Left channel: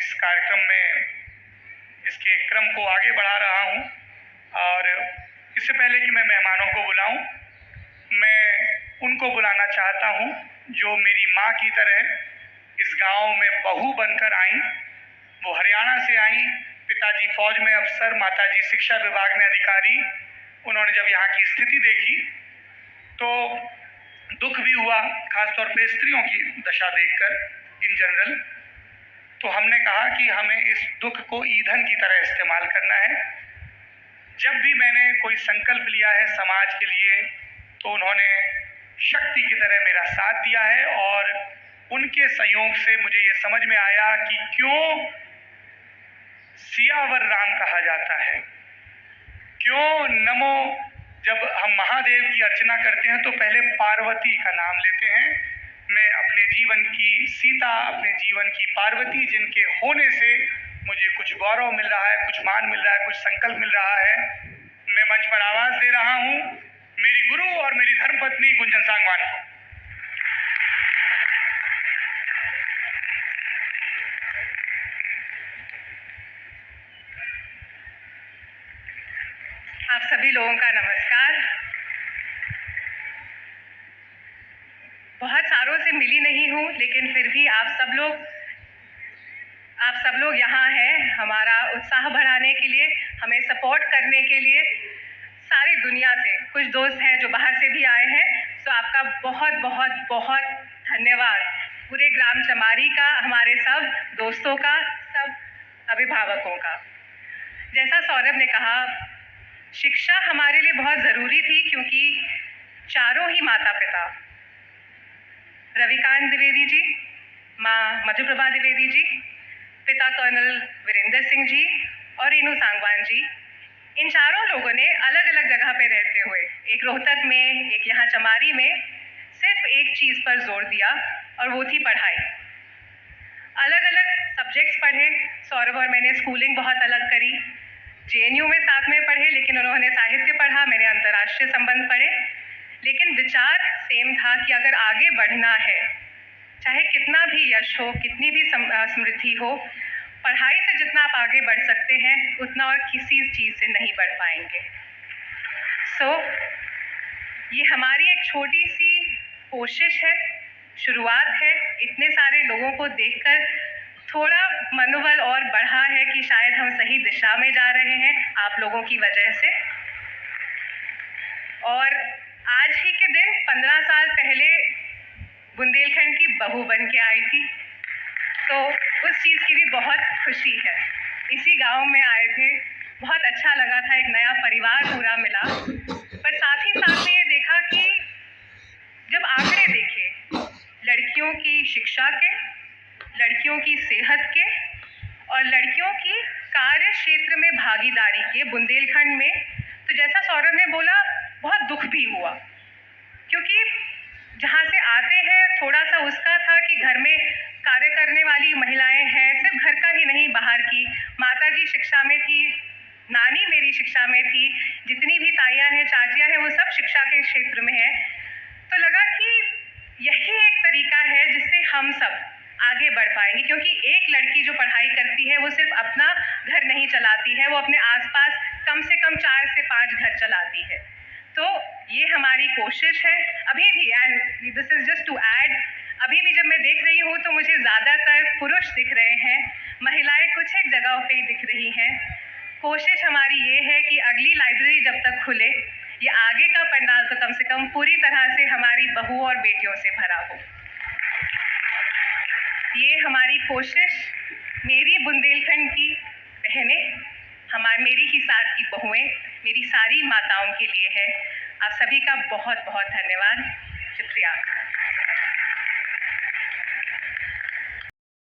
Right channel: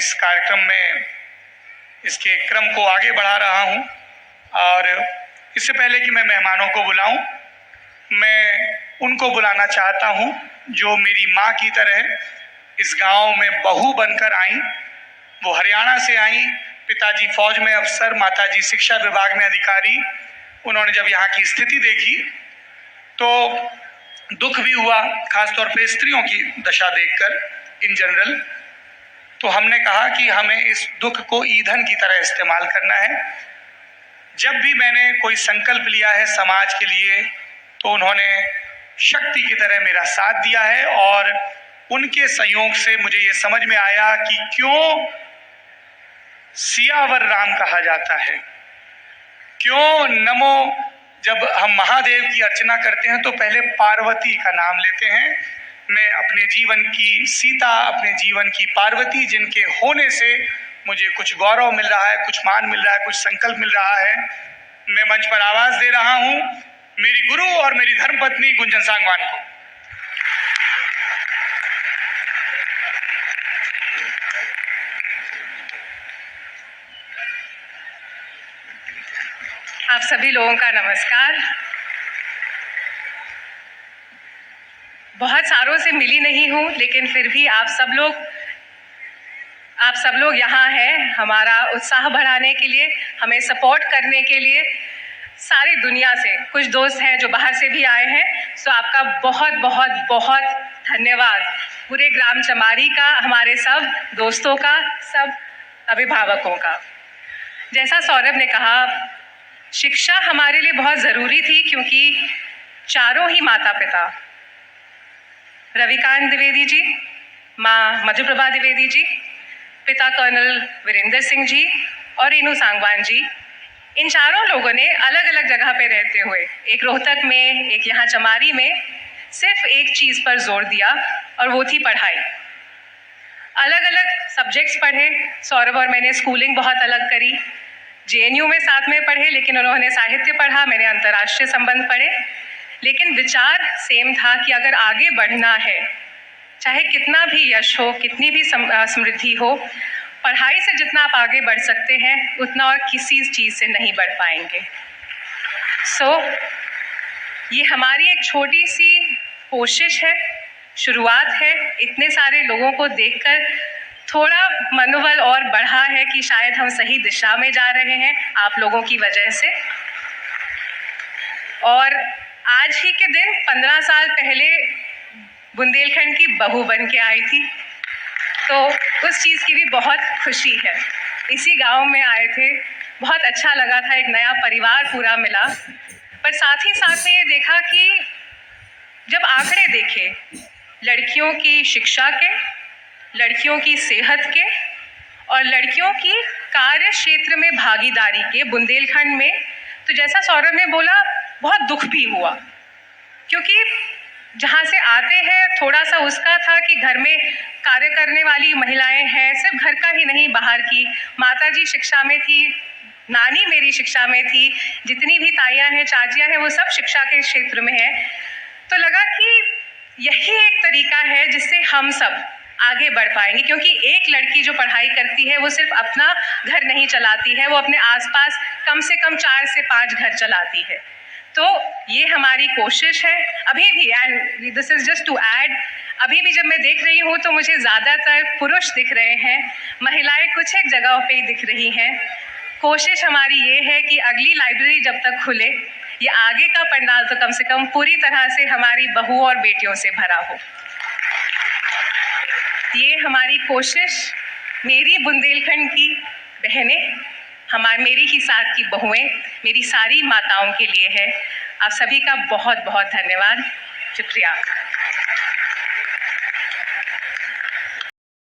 इस कार्यक्रम में इसके क्रम को आगे बढ़ा रहा हूं। और इससे पहले कि मैं मेहमानों को बुलाऊं, मैं उनको बुलाना चाहता हूं जो मेरी माँ की तरह इस गांव में बहू बनकर आई। वो हरियाणा से आई, पिताजी फौज में अफसर, माताजी शिक्षा विभाग में अधिकारी। उन्होंने जब यहाँ की स्थिति देखी तो दुख भी हुआ, खासतौर पे स्त्रियों की दशा देखकर इन जनरल। तो हमने कहा कि हमें इस दुख को ईंधन की तरह इस्तेमाल करना है। जब भी मैंने कोई संकल्प लिया है समाज के लिए तो उन्होंने शक्ति की तरह मेरा साथ दिया है। और उनके सहयोग से मुझे ये समझ में आया कि क्यों सियावर राम कहा जाता है, क्यों नमो, जब हम महादेव की अर्चना करते हैं तो पहले पार्वती का नाम लेते हैं। मैं अपने जीवन की सीता, अपने जीवन की पार्वती, जिनके होने से मुझे कुछ गौरव मिल रहा है, कुछ मान मिल रहा है, कुछ संकल्प मिल रहा है, मैं मंच पर आवाज दे रहा हूं मेरी गुरु और मेरी धर्मपत्नी गुंजन सांगवान को। आप सभी लोगों का नमस्कार। बहुत सारों से मिली नहीं हूँ, लेकिन फिर भी आप सब लोग यहाँ हैं हमारा उत्साह बढ़ाने के लिए, हमें सपोर्ट करने के लिए। सारी दुनिया से कुछ दोस्त हैं जो बाहर से भी आए हैं, सो आपका बहुत बहुत बहुत धन्यवाद। पूरे ग्राम चमारी का, हमारे सब दोस्तों का, सब अभिभावकों का। जैसा सौरभ ने कहा, शिक्षा हमारे लिए बहुत ज़रूरी थी, क्योंकि चारों ही माता पिता, रविकांत द्विवेदी जी, माँ मधुप्रभा द्विवेदी जी, पिता कर्नल वीरेंद्र सिंह जी और रेनू सांगवान जी, इन चारों लोगों ने अलग अलग जगह पे रहते हुए, एक रोहतक में, एक यहाँ चमारी में, सिर्फ एक चीज़ पर जोर दिया और वो थी पढ़ाई। अलग अलग सब्जेक्ट्स पढ़े, सौरभ और मैंने स्कूलिंग बहुत अलग करी, JNU में साथ में पढ़े, लेकिन उन्होंने साहित्य पढ़ा, मैंने अंतर्राष्ट्रीय संबंध पढ़े। लेकिन विचार सेम था कि अगर आगे बढ़ना है, चाहे कितना भी यश हो, कितनी भी समृद्धि हो, पढ़ाई से जितना आप आगे बढ़ सकते हैं उतना और किसी चीज़ से नहीं बढ़ पाएंगे। ये हमारी एक छोटी सी कोशिश है, शुरुआत है। इतने सारे लोगों को देखकर थोड़ा मनोबल और बढ़ा है कि शायद हम सही दिशा में जा रहे हैं आप लोगों की वजह से। और आज ही के दिन 15 साल पहले बुंदेलखंड की बहू बन के आई थी, तो उस चीज़ की भी बहुत खुशी है। इसी गांव में आए थे, बहुत अच्छा लगा था, एक नया परिवार पूरा मिला। पर साथ ही साथ में ये देखा कि जब आंकड़े देखे लड़कियों की शिक्षा के, लड़कियों की सेहत के और लड़कियों की कार्य क्षेत्र में भागीदारी के बुंदेलखंड में, तो जैसा सौरभ ने बोला, बहुत दुख भी हुआ। क्योंकि जहाँ से आते हैं थोड़ा सा उसका था कि घर में कार्य करने वाली महिलाएं हैं, सिर्फ घर का ही नहीं, बाहर की। माताजी शिक्षा में थी, नानी मेरी शिक्षा में थी, जितनी भी ताइयाँ हैं, चाचियाँ हैं, वो सब शिक्षा के क्षेत्र में हैं। तो लगा कि यही एक तरीका है जिससे हम सब आगे बढ़ पाएंगे। क्योंकि एक लड़की जो पढ़ाई करती है वो सिर्फ अपना घर नहीं चलाती है, वो अपने आसपास कम से कम 4 से 5 घर चलाती है। तो ये हमारी कोशिश है अभी भी। And this is just to add, अभी भी जब मैं देख रही हूँ तो मुझे ज़्यादातर पुरुष दिख रहे हैं, महिलाएं कुछ एक जगहों पे ही दिख रही हैं। कोशिश हमारी ये है कि अगली लाइब्रेरी जब तक खुले, ये आगे का पंडाल तो कम से कम पूरी तरह से हमारी बहू और बेटियों से भरा हो। ये हमारी कोशिश, मेरी बुंदेलखंड की बहनें, मेरी ही साथ की बहुएं, मेरी सारी माताओं के लिए है। आप सभी का बहुत बहुत धन्यवाद, शुक्रिया।